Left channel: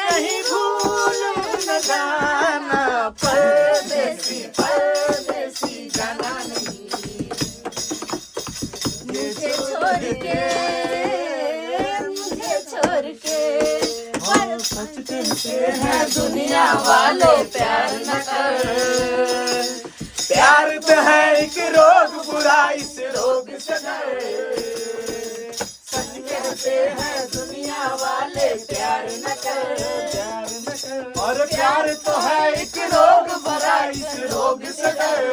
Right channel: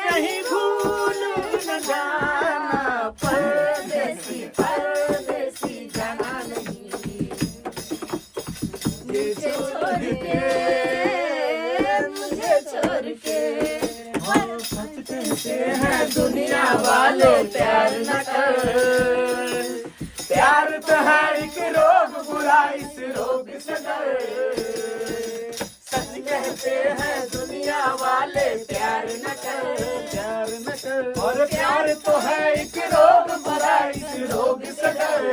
कहीं भूल न जाना, परदेसी परदेसी जाना नहीं, मुझे छोड़ के सचते हैं दुनिया वाले प्यार न कर। प्यार तो है एक रोग, बुरा इस रोग से डर। सच कहते हैं दुनिया वाले प्यार न कर, प्यार न कर। और प्यार तो है एक रोग, बुरा इस रोग से डर।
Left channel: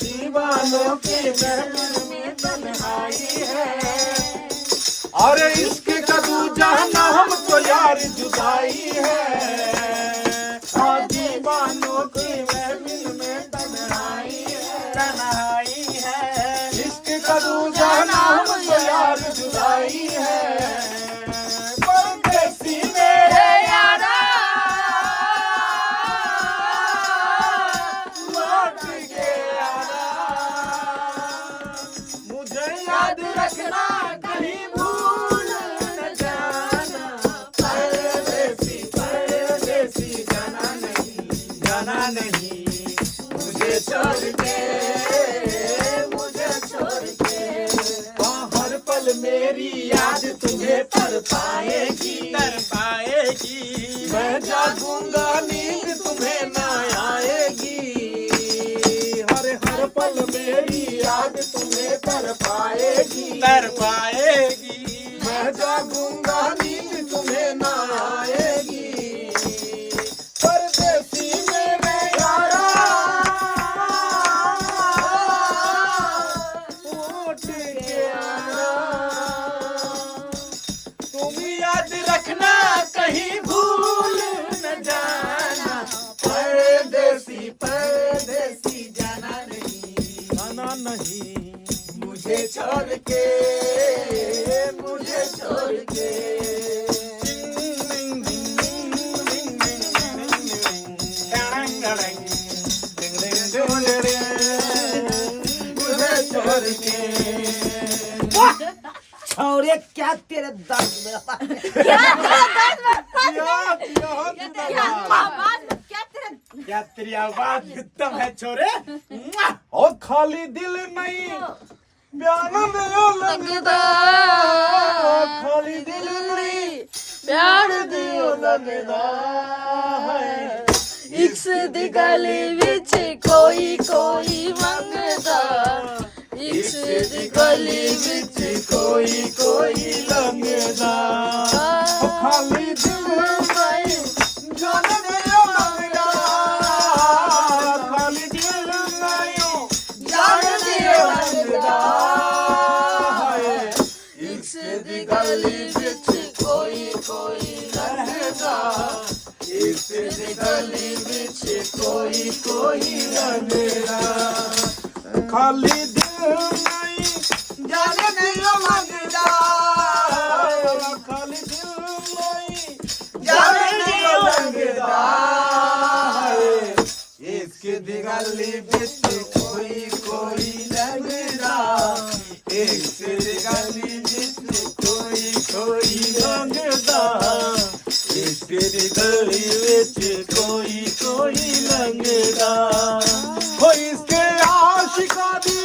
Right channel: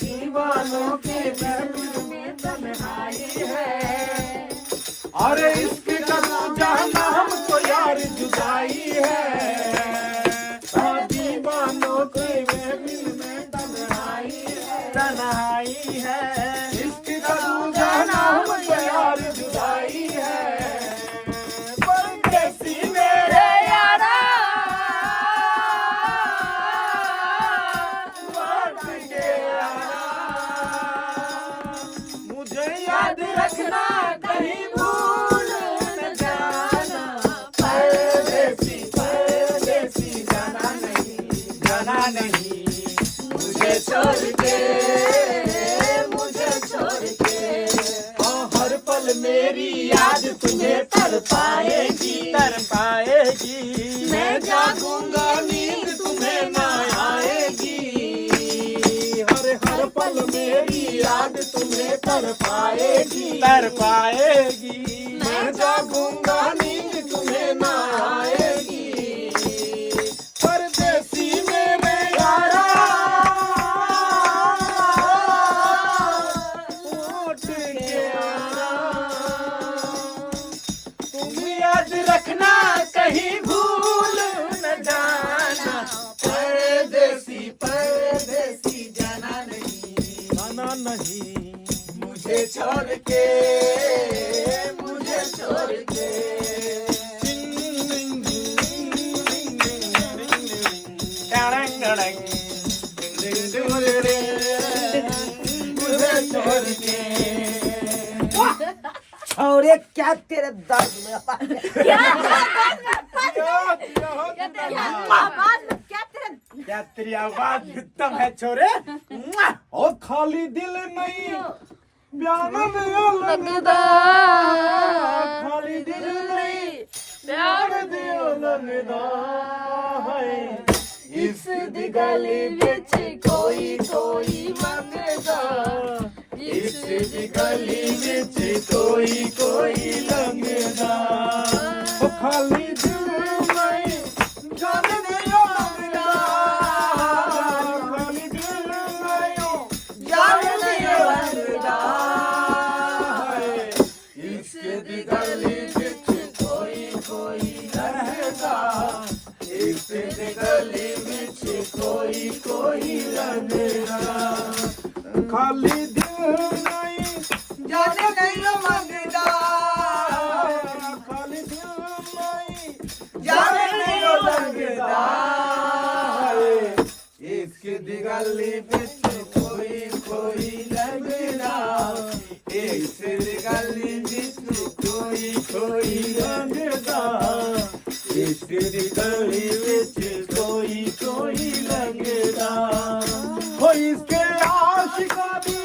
दीवानों के दिल में तन्हाई है, और इसके कदू जाना हमको यार जुदाई है। और दीवानों के दिल में तन्हाई है, तन्हाई है। इसके कदू जाना हमको यार जुदाई है। परदेसी मेरे यारा लौट के आना, मुझे याद रखना कहीं भूल न जाना। परदेसी परदेसी जाना नहीं, जाना नहीं, मुझे छोड़ के, मुझे छोड़ के। हर पल मेरी याद तुम्हें तर पाएगी, तर पाएगी। मैं जागूंगा नींद तुम्हें ना आएगी। हर पल मेरी याद तुम्हें तर पाएगी, तर पाएगी। मैं जागूंगा नींद तुम्हें ना आएगी। परदेसी मेरे यारा लौट के आना, तुम याद रखना कहीं भूल न जाना। परदेसी परदेसी जाना नहीं, जाना नहीं, मुझे छोड़ के, मुझे छोड़ के। मुझे छोड़ के। छोरे क्या तेरे दर्द में क्या क्या तेरी आवाज उत्तम है छोरे। और खाली दिल नहीं प्यार में लगदा, खाली दिल नहीं प्यार दिल लगदा है। इस दी गली विच कोई कोई मंगदा, इस दी गली विच कोई कोई लगदा। खाली दिल नहीं जान दे मंगदा, खाली दिल नहीं जान दे मंगदा है। इस दी गली विच कोई कोई लगदा, इस दी गली विच कोई कोई लगदा। खाली दिल नहीं जान दे मंगदा, खाली दिल नहीं जान दे मंगदा है। इसके दिगली बिच कोई कोई लगदा, इसके दिगली बिच कोई कोई लगदा, इसके दिगली बिच कोई कोई लगदा। हो इसके आशिकों दी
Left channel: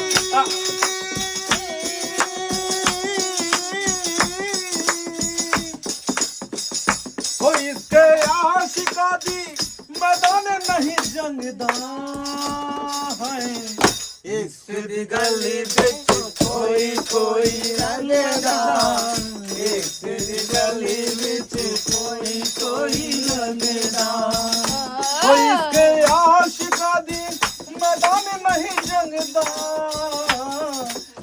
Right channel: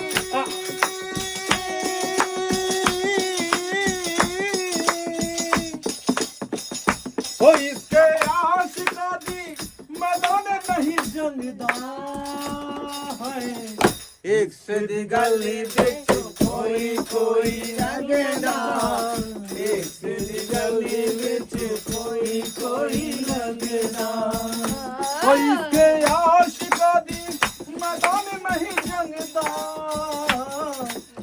हो इसके आशिका दी मैदान नहीं जंगदा है। इस गली बिच कोई कोई लगदा, इस गली बिच कोई कोई लगदा। हो इसके आशिका दी मैदान नहीं जंगदा,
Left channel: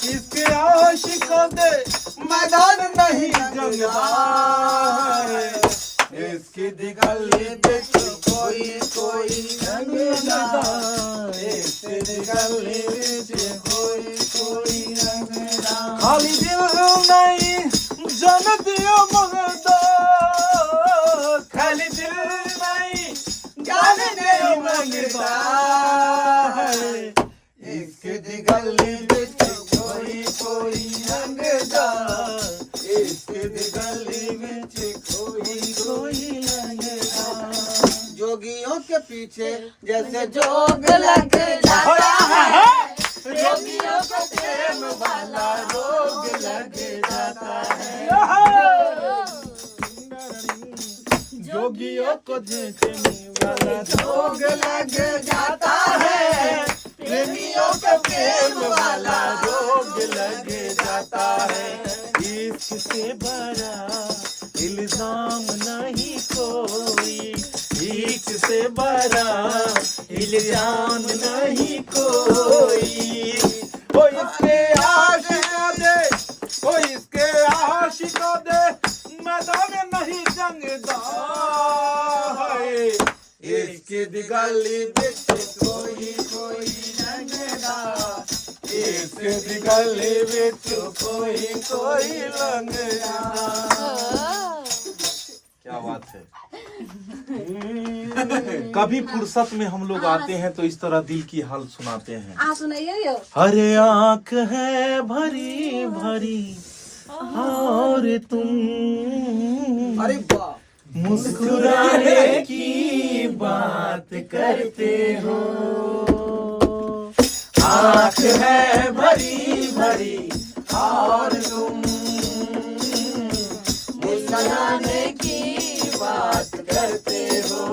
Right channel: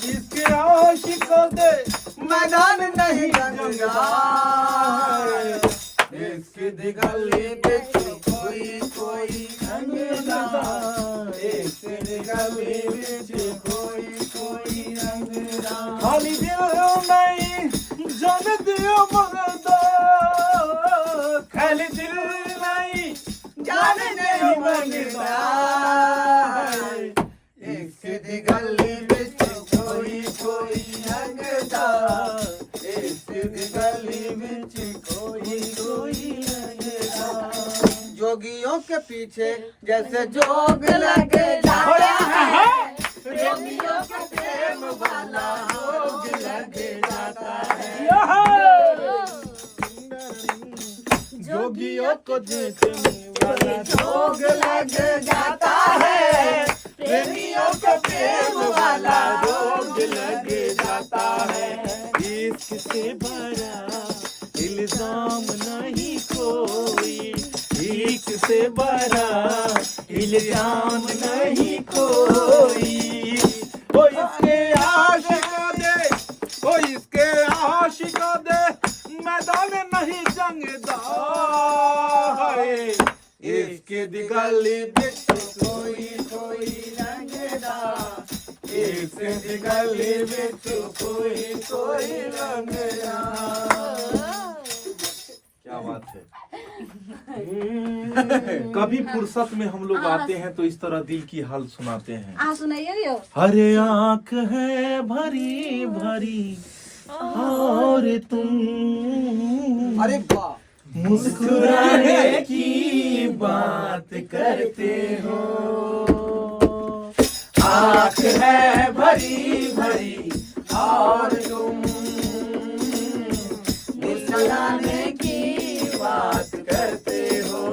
इसके आशिका दे मैदान नहीं जंगदा। सीधी गली बिच कोई कोई रंगदा एक सीधी गली बिच कोई कोई रंगदा खाली दिल नहीं जन दियो मंगदा खाली दिल नहीं जान नहीं मंगदा एक सीधी गली बिच कोई कोई रंगदा एक सीधी गली बिच कोई कोई रंगदा जोगियों के पीछे जैसे जोग लग जाता है जोगियों के प्रेम वाला रोग लग जाता है जोगियों को जीतने वाला जोग लग जाता है प्रेमियों के प्रेम वाला रोग लग जाता है इससे बड़ा इल्जाम नहीं कोई इससे बड़ा इल्जाम नहीं कोई ओ इसके आशिकों दे ओ इसके आशिकों दे मैदान नहीं जंगदा इसकी दिगली बिच कोई कोई रंगदा इसकी दिगली बिच कोई कोई रंगदा क्या बात है कभी फुर्सत में हम लोग आते हैं तो इस तरह दिल की हाल सुनाते हैं सुनाइए हरे आंख है भरी भरी और तुम अरे वाह मुस्कुराने की बात करते हो आंख है भरी भरी और तुम मुस्कुराने की बात करते हो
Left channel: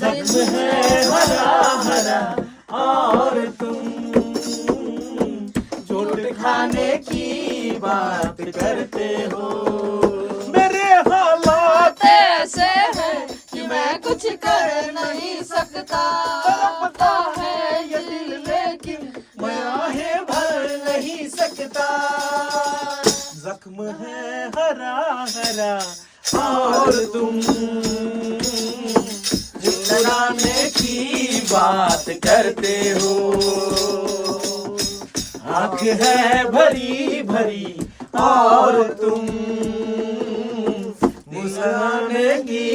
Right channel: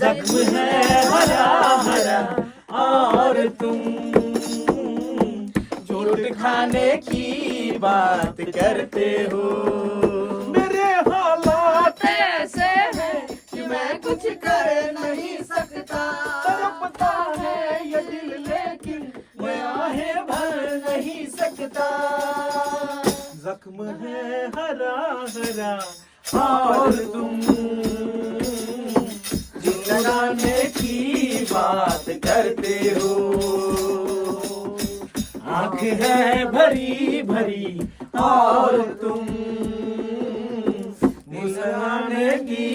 जख्म है हरा हरा और तुम चोट खाने की बात करते हो मेरे हालात ऐसे है कि मैं कुछ कर नहीं सकता तड़पता है ये दिल लेकिन मैं आहें भर नहीं सकता जख्म है हरा हरा और तुम मुस्कुराने की बात करते हो आँख है भरी भरी और तुम मुस्कुराने की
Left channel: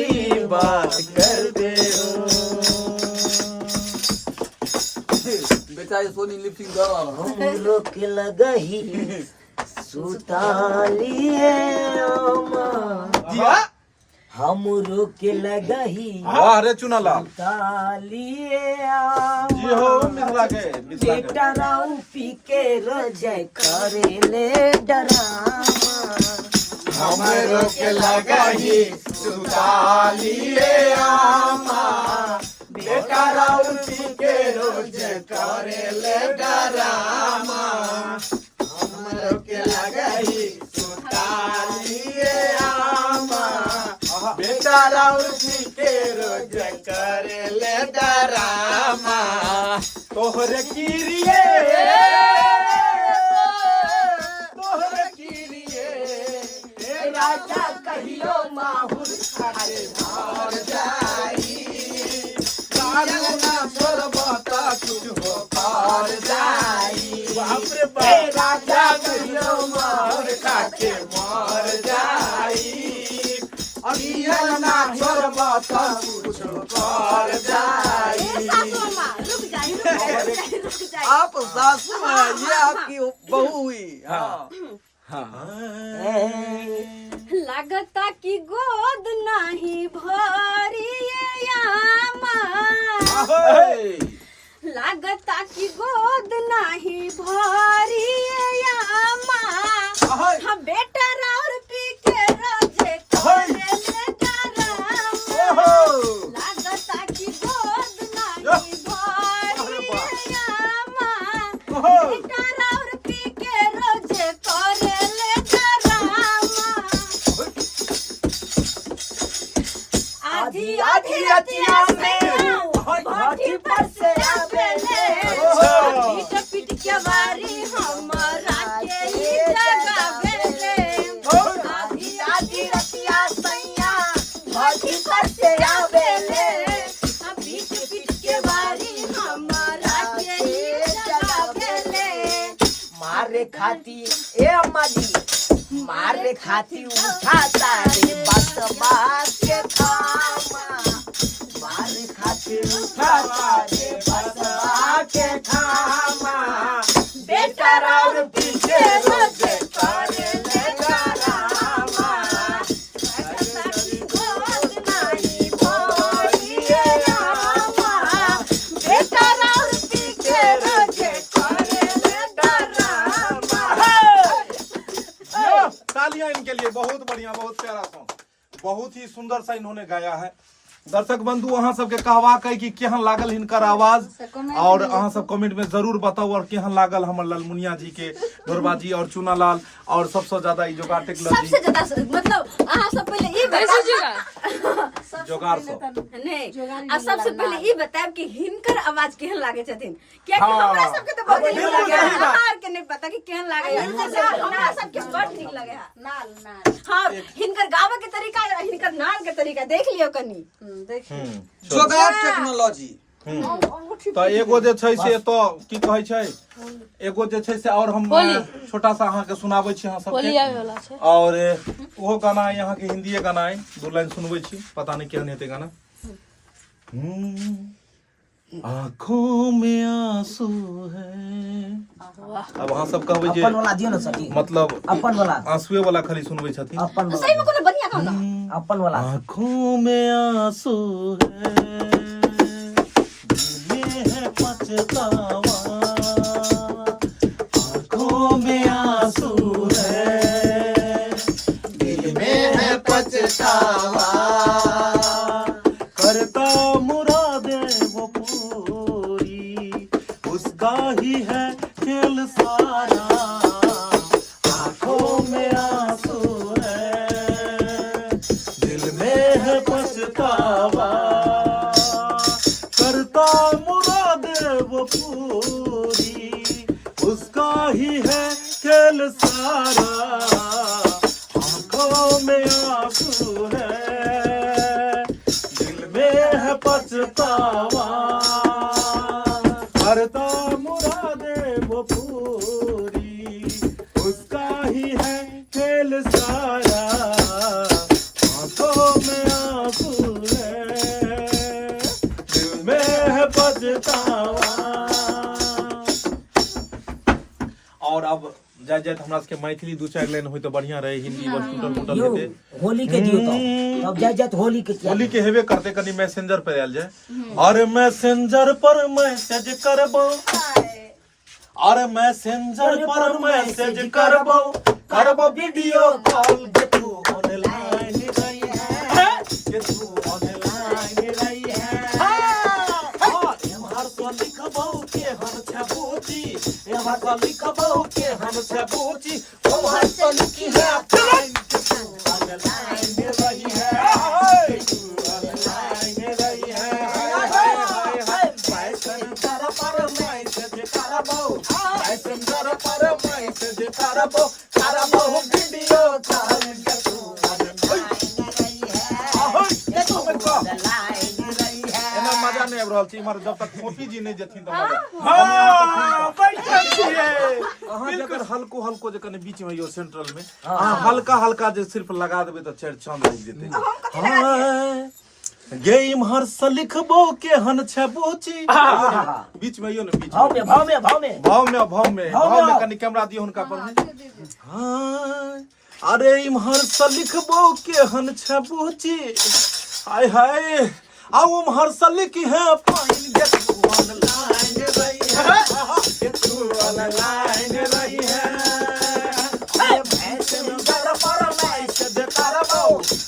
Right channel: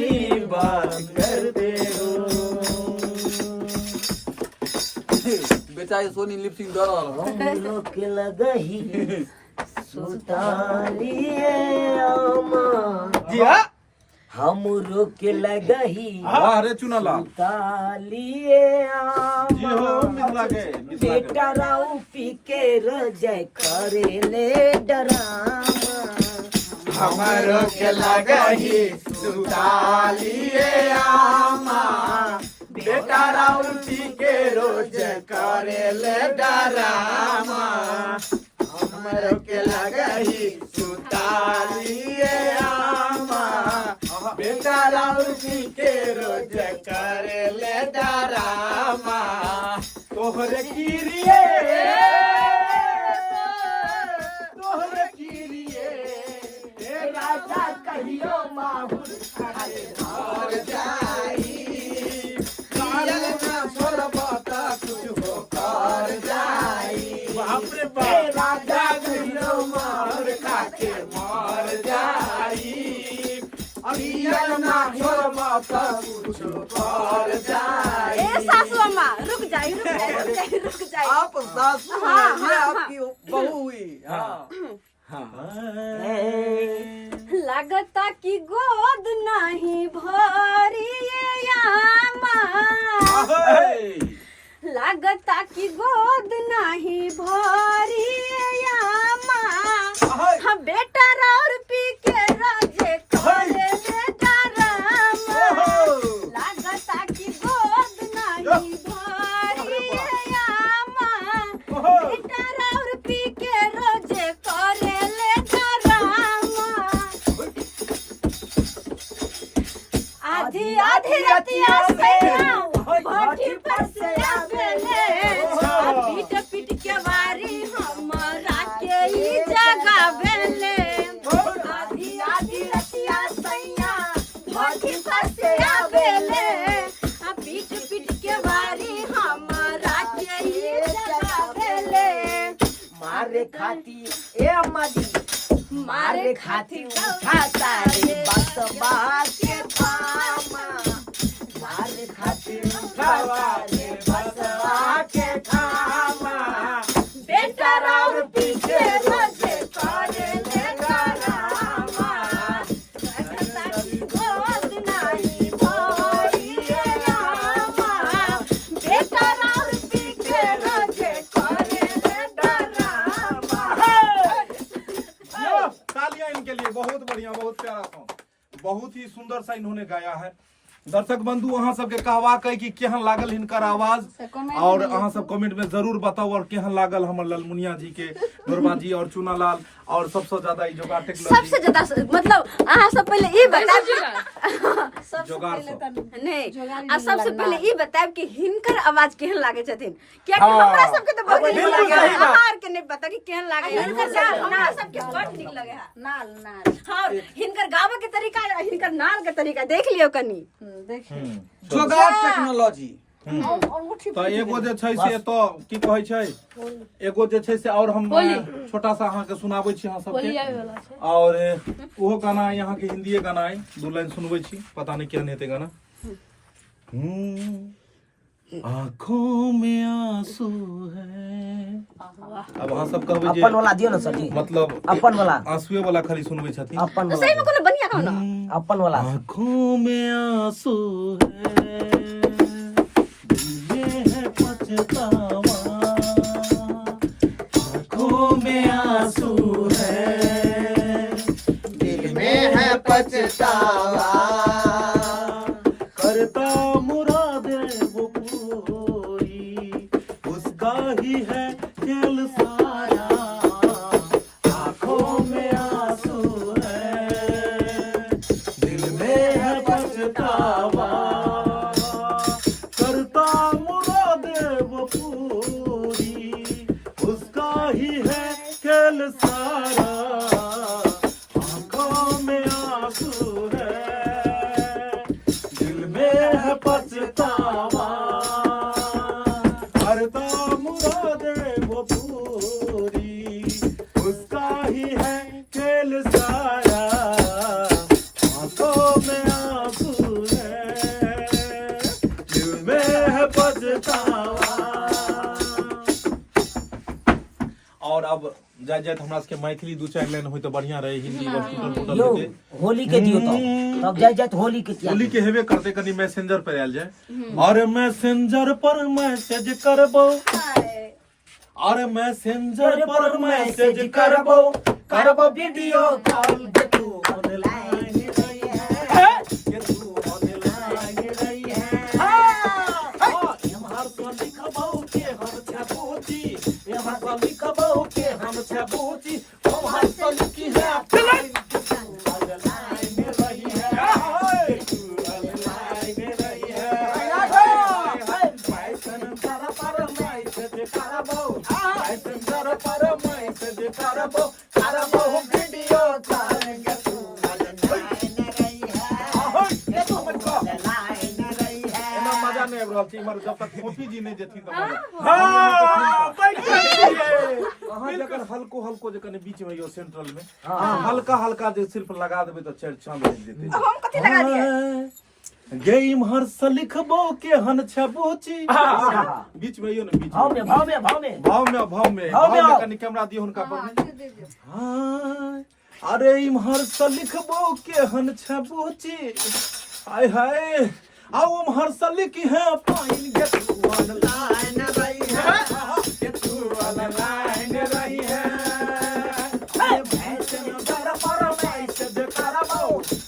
बात करते हो बेचारी सोनी लिपसिंग दौड़ हम लोग के लगही सुतालिए आमा हम लोग के लगही अरे चुनाला सुतालिए जी हो आमा मिला के बेटा राऊ पी के रजय करेले डरामा हमारो के लगही सुतालिए आमा बेटा राउती के रोज करेले डरामा हमारो के लगही सुतालिए आमा बेटा राउती के रोज करेले डरामा तोहरे किरिए तोहरे किरिए राजा कहियो माहुर खाए मार जाई कायल ना छोड़बता कुछ हो पार जाई बाप रे बाप राजा कहियो माहुर खाके मार जाई अनियल ना छोड़बता कुछ हो पार जाई रुक जाइए आप सासू हैं ये आपकी बहू हुई लगता कि गोद नहीं भरिए आमा लगता कि गोद नहीं भरिए आमा हम बेटा और पी के रोजे करे ले डरामा लगता कि गोद नहीं भरिए आमा बेटा और पी के रोजे करे ले डरामा आधी आधी रतिया से भट्टी पर से आवेले पीट पीट के वारी हमरा के ई जगावेले आधी आधी रतिया सैया खाती ए अम्मा जी मारे खाती उठाता रे बस बात के थामा मारे खाती उठाता रे बस बात के थामा बेटा राम पीछे रोजे करे ले रामा कभी बात नहीं बोली रामा बेटा राम पीछे रोजे करे ले रामा। तालियां इनके लिए, बहुत बढ़िया, बहुत प्यारा सॉन्ग, बहुत ही सुंदर सा इन्होंने गाया है। दर्शक बंधु अहाँ सबके कहवा कही कि केहन लागल हिनकर आवाज, और अहाँ सब कमेंट में जरूर बताओ और केहन लागल हमर ललमुनिया जी के ढोरबा जी और चूनालाल, और सबसे ज्यादा ई जोगाड़ टेक्नोलॉजी सबसे ज्यादा मतलब अहाँ सब पहले ई बताओ जोगाड़ सब नहीं आ सबसे पहले ई बताएब कि हिनकर आवाज केहन लागे छथिन, किया कि हमरा सबके तो बहुत नीक लागे है, अहाँ के नहीं पता कि केहन लागे है, हमरा सबके बड़ नीक लागे है। नाल हां हिनकर गावे के तरीका, हिनकर नाल के तरीका देख लियो कनी, जोगाड़ टेक्नोलॉजी। तो एगो जे छै से तो की कहै छै, एगो जे छै से और हम छोटा सा अहाँ के सुनाबै छी अहाँ सबके, और ओहो गाना है यहाँ के हिंदी गाना है, 2 लाइन सुनबै छी, पता नहीं केहन हेतै गाना। आँखों में आंसू है, अब अहाँ सब कहबै जे अपन वाला दियो ना सर, मतलब अपन वाला आंसुए वाला खाली सुनबै छथिन, अपन सही में कोनो बढ़िया गाओ ना अपन वाला। आँखों में आंसू है, दिल में है पछतावा, आँखों में आंसू है, दिल में है पछतावा, करता मुरादे वो पूरी, उसका ही है खेल सारा, आँखों में आंसू है, दिल में है पछतावा, करता मुरादे वो पूरी, उसका ही है खेल सारा, आँखों में आंसू है, दिल में है पछतावा, करता मुरादे वो पूरी, उसका ही है खेल सारा, आँखों में आंसू है, दिल में है पछतावा। और अब जाय जाय हमरा सबके मैथिली 2-4 लाइन होय तो बढ़िया रहे, हिंदी बस टूटल फूटल यो, हेते। होली के दियो तो तब जाय जात होली के क्या होली के हेबे करते, कनी मैसेंजर पर आयल जाए, और मैसेंजर पर मैसेज करबो, और मैसेंजर पर मैसेज करबो, करबो वीडियो कॉल, जे तू ऑनलाइन रही है, जे तू ऑनलाइन रही है, एमहर तो लिखबो के हम छबूची, एमहर तो लिखबो के हम छबूची, ओमहर तो लिखी है ऑनलाइन रही है, तू ऑनलाइन रही है, मैसेंजर पर मैसेज करबो, मैसेंजर पर मैसेज करबो, करबो वीडियो कॉल, के तू ऑनलाइन रही है, के तू ऑनलाइन रही है। एना मजा नहीं आब रहल छै, इमहर जब तक मोती जी नहीं जथिन त अहाँ जकर हल्को हल्को जे कने बीच में यो सेंट्रल में अहाँ हल्का हल्का जे सिर्फ लगा देबै त चार चांद लग जेतै। गे इमहर से लिखबो के हन छबूची, बीच में यो न, बीच भाव में भाव में भाव में भाव में भाव में भाव में कनी कैमरा दियो हुनका पर। हाय अरे इमहर से लिखबो के हन छबूची, हाय हाय आओ इमहर से लिखी है पाइन, के तू ऑनलाइन रही है, के तू ऑनलाइन रही है, मैसेंजर पर मैसेज करबो,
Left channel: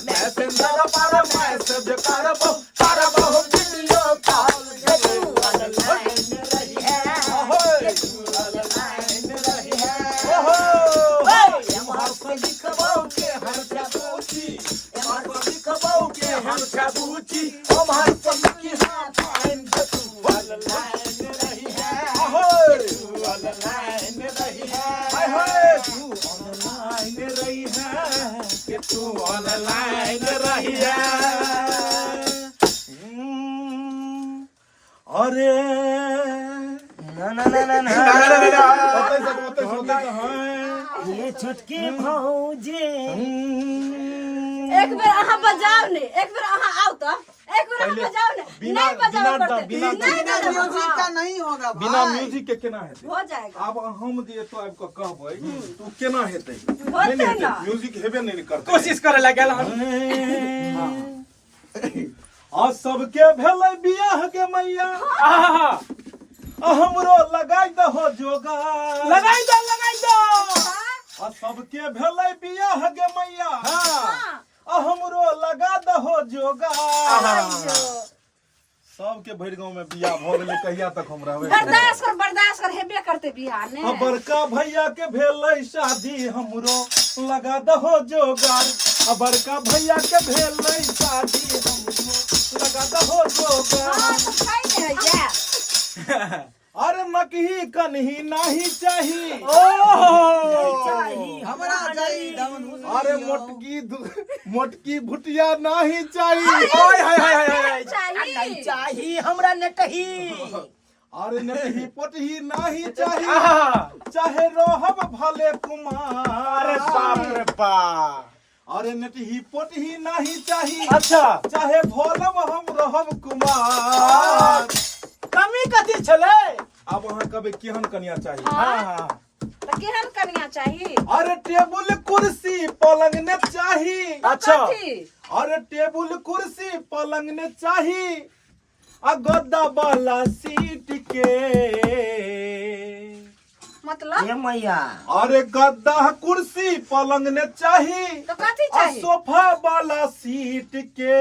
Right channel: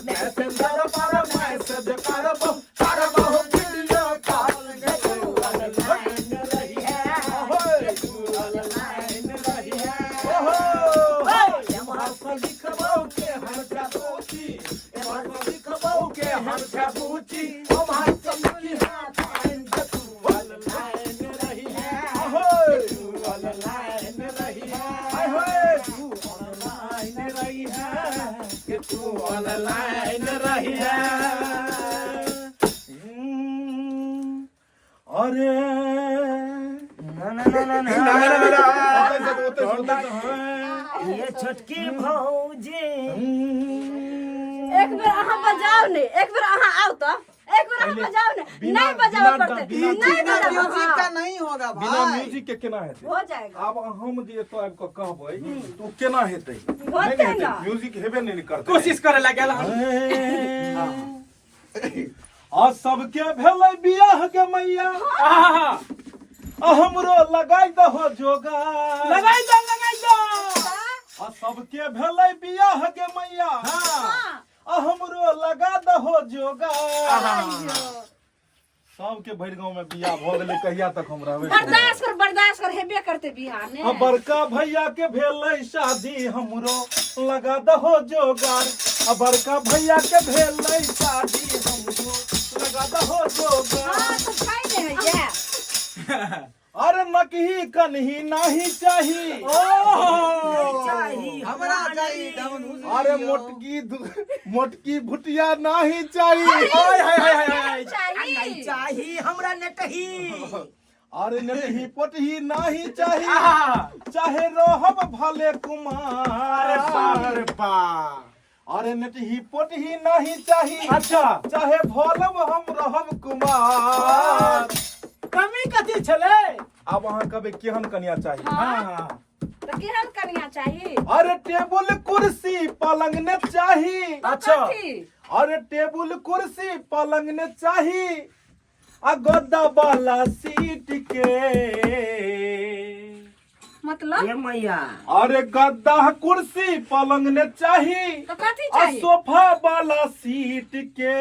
मैसेंजर पर मैसेज करबो, करबो वीडियो कॉल, के तू ऑनलाइन रही है, के तू ऑनलाइन रही है, इमहर से लिखबो के हर छबूची, इमहर से लिखबो के हर छबूची, इमहर से लिखी है पाइन, के तू ऑनलाइन रही है, के तू ऑनलाइन रही है, तू ऑनलाइन रही है, कि तू ऑनलाइन रही है। अरे ये छोटकी भौजी एक बेर अहाँ बजाओ ने, एक बेर अहाँ आओ तो, एक बेर अहाँ बजाओ ने, नहीं बजाओ करते, नहीं बजाओ, म्यूजिक का नहीं होगा बिना भाई। म्यूजिक के केना हेतै? हो जाएगा, आब हम जे एतो आबि कऽ कहबै तऽ केना हेतै? होतै नहीं हेतै, ना। म्यूजिक हेबे नहीं करतै। कोशिश करे लगे आ सबके भेलै बियाह के मैया, आ हमरो लगाइ दहो जोगार। लगाई दो आ सबके भेलै बियाह के मैया, हाँ, आ हमरो लगा दहो जोगार। अयो, सबके भरि गांव में बियाह भ गेलै, कहिया तक हम रहबै? बर्दाश्त कर, हेबे करते बिहार ने। आ बड़का भैया के भेलै शादी, हमरो लगा दहो जोगार। आ बड़का भैया के भेलै शादी, हमरो लगा दहो जोगार। हाँ, तो खाई ने है ये। अरे नकही कन्ही नहीं चाही, हमरा गई अरे मोटकी भुटिया नहीं चाही। चाहिए। चाही हमरा ने कही अरे नकही पोटही नहीं चाही, चाहे रहब भले कुमार। अरे नटही पोटही नहीं चाही, अच्छा चाहे भोलब हम रहब कुमार। कमी कथी छले? अब अहाँ कहबै केहन कन्या चाही? हाँ। तो केहन कन्या चाहिए? अरे टेबुल कुर्सी पलंग ने चाही। अच्छा। अरे टेबुल कुर्सी पलंग ने चाही, आ गद्दा वाला सीट के। मतलब? ए मैया अरे गद्दा कुर्सी पलंग ने चाही, तो कथी आ चाहिए? सोफा वाला सीट के।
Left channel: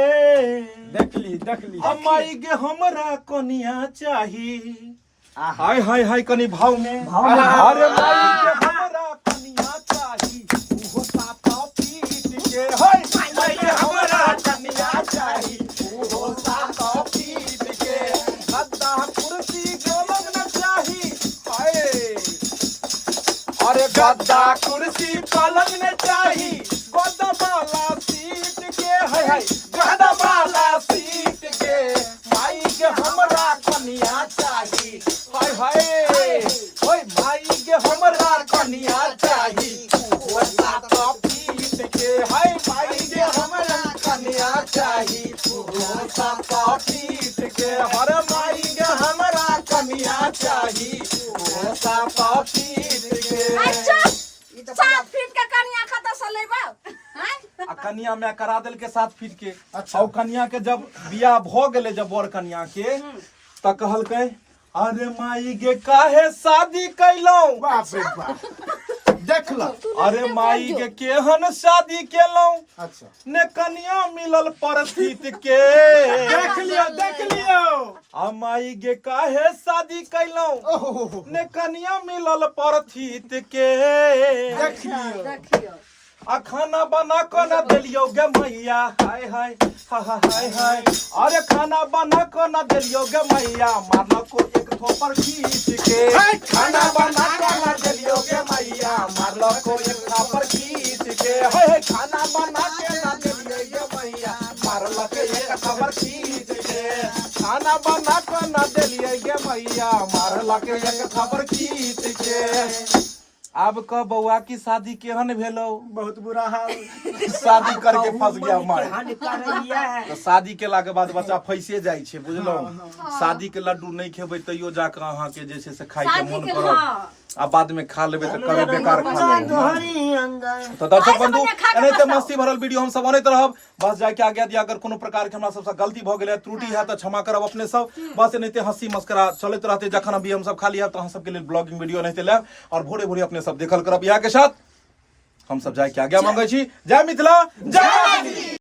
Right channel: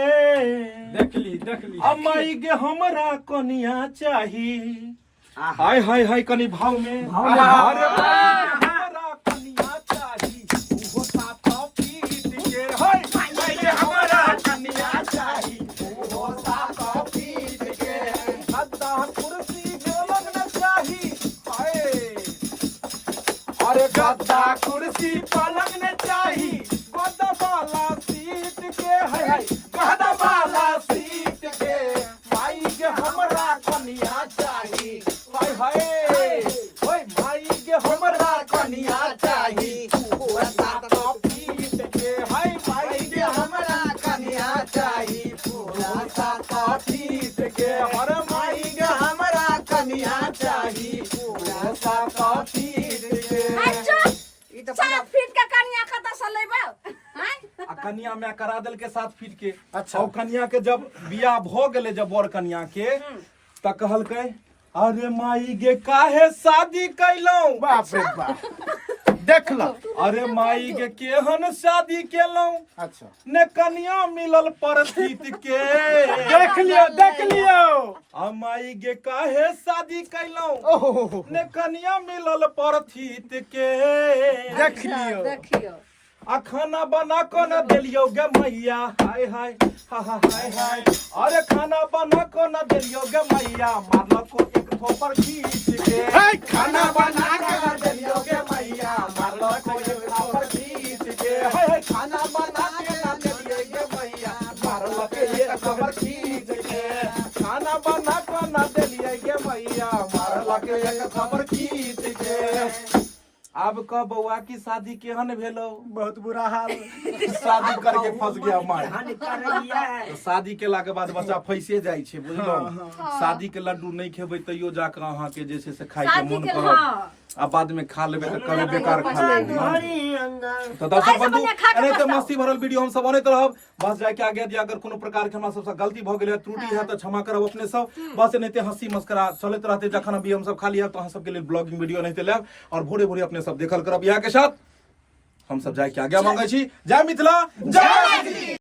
देख ली अम्माई गे हमरा कनिया चाही। हाय हाय हाय कनी भाव में। भाव में। अरे माई गे हमरा कनिया चाही, उहो साफा पीट के। हाय माई गे हमरा कनिया चाही, उहो साफा पीट के। गद्दा कुर्सी पलंग न चाही, हाय। अरे गद्दा कुर्सी पलंग न चाही, गद्दा वाला सीट के। हाय हाय गद्दा वाला सीट के। माई गे हमरा कनिया चाही, हाय हाय। ओए माई गे हमरा कनिया चाही, उहो साफा पीट के। हाय माई गे हमरा कनिया चाही, उहो साफा पीट के। अरे माई गे हमरा कनिया चाही, उहो साफा पीट के। अच्छा, 7 फीट का कन्या खाता से लेबा? हैं? आ कन्या में करा देल के 7 फीट के। और कन्या के जब बियाह भ गेले, जब बड़ कन्या के, त कहलकै अरे माई गे काहे शादी कैलौ? देख ला। अरे माई गे केहन शादी केलौ? अच्छा ने कन्या मिलल परथित के। देख लियो आ माई गे काहे शादी कैलौ? ने कन्या मिलल परथित के। देख लियो। देखियो। आ खाना बना कर न देलियो गे मैया, हाय हाय हाय हाय। अरे खाना बना कर न देलियो गे मैया, मारल को एक थोपर खींच के। खाना बना खाना देलियो गे मैया, मारल को एक थोपर खींच के। हाय खाना बना के न देलियो गे मैया, मारल को एक थोपर खींच के। खाना बना कर न देलियो गे मैया, मारल को एक थोपर खींच के। अब कह बउआ की शादी केहन भेलो? बहुत बुरा हाल। शादी करके फंस गया माय। हानि कर रही है तो शादी केला के बाद बच्चा फंसे जाइ छै, बुझलो? शादी के लड्डू नहीं खेबै तैयो जाकर अहाँ के जे छै से खाय के शादी मन के करत। हाँ। आ बाद में खा लेबै त कहबै बेकार खा लेबै। दोहरी अंगन तो दर्शक ऐसे बंधु, बढ़िया खा के एनाहिते बताओ। मस्ती भरल वीडियो हम सब बनैत रहब। बस जाके आज्ञा दिया, अगर कोनो प्रकार के हमरा सबसे गलती भ गेलै, त्रुटि है तो क्षमा करब अपने सब। बस एनाहिते हंसी मस्करा चलैत रहते, जखन अभी हम सब खाली है तो अहाँ सबके लेल ब्लॉगिंग वीडियो एनाहिते लायब, और भोरे भोरे अपने सब देखल करब। यहाँ के साथ हम सब जाके आज्ञा मांगे छी। जय मिथिला, जय मैथिली।